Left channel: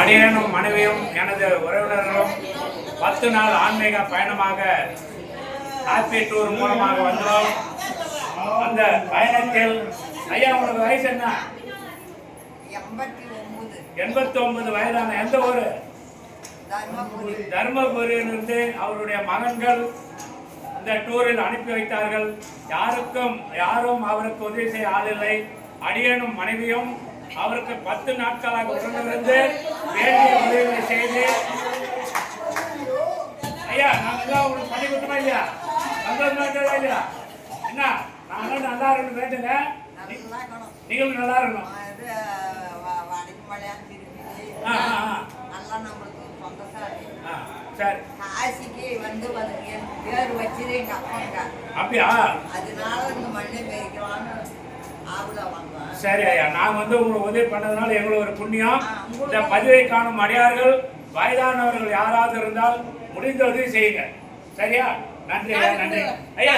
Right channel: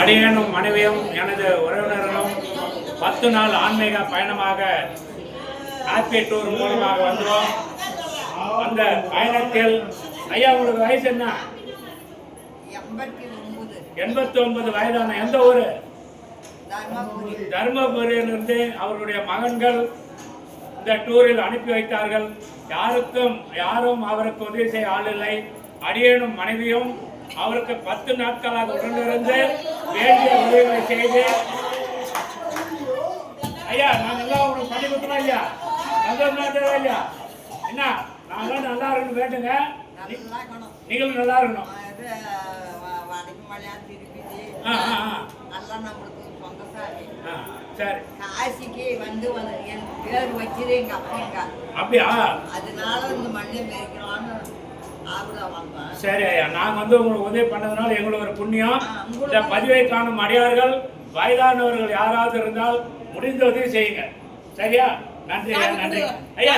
அடியேனும் மனைவியும் எனது உறவினர்களும் 10 நாள் ஆன்மீக பயணமாக ஹாப்பி டூர் மூலமாக வந்தோம். அந்த பயணத்தில் ஐயா உங்களுக்கு வயசு என்ன? 89 வயதான. எந்த ஊரு? தர்மபுரியிலிருந்து அவருடைய மகன்கள் இந்த டூரில் அனுப்பி வைத்தார்கள். யாரும் அவருக்கு உதவி செய்ய ஆளில்லை. அடியேனும் மனைவியும் அவருக்கு 10 நாட்களாக உடனிருந்து வேண்டிய உதவிகளை செய்து ஐயா நாங்கள் உங்களுக்கு பண்ணி கொடுக்கணும் இல்லையா? சந்தோஷமா இல்லையா? என்ன நாங்களும் நல்லா இருக்கணும் வேண்டுங்க. நீங்களும் நல்லா இருக்கணும். சரி காசிக்கு வந்து பேர் வச்சது எங்க அப்பாங்க. அப்படியா? அதனால இந்த மண்ணை மேய்க்கலாம்னு வந்தோம். சரி ஐயா, நாங்க உங்களுக்கு உதவி பண்ணதுனால எங்களுக்கு ஒரு புண்ணியம். இந்த பதிவை காணும் அடியார்கள் வயதானவர்கள் யாராவது இருந்தால் முடிந்த உதவி செய்யுங்க. சரியா? நன்றி ஐயா, நன்றி ஐயா.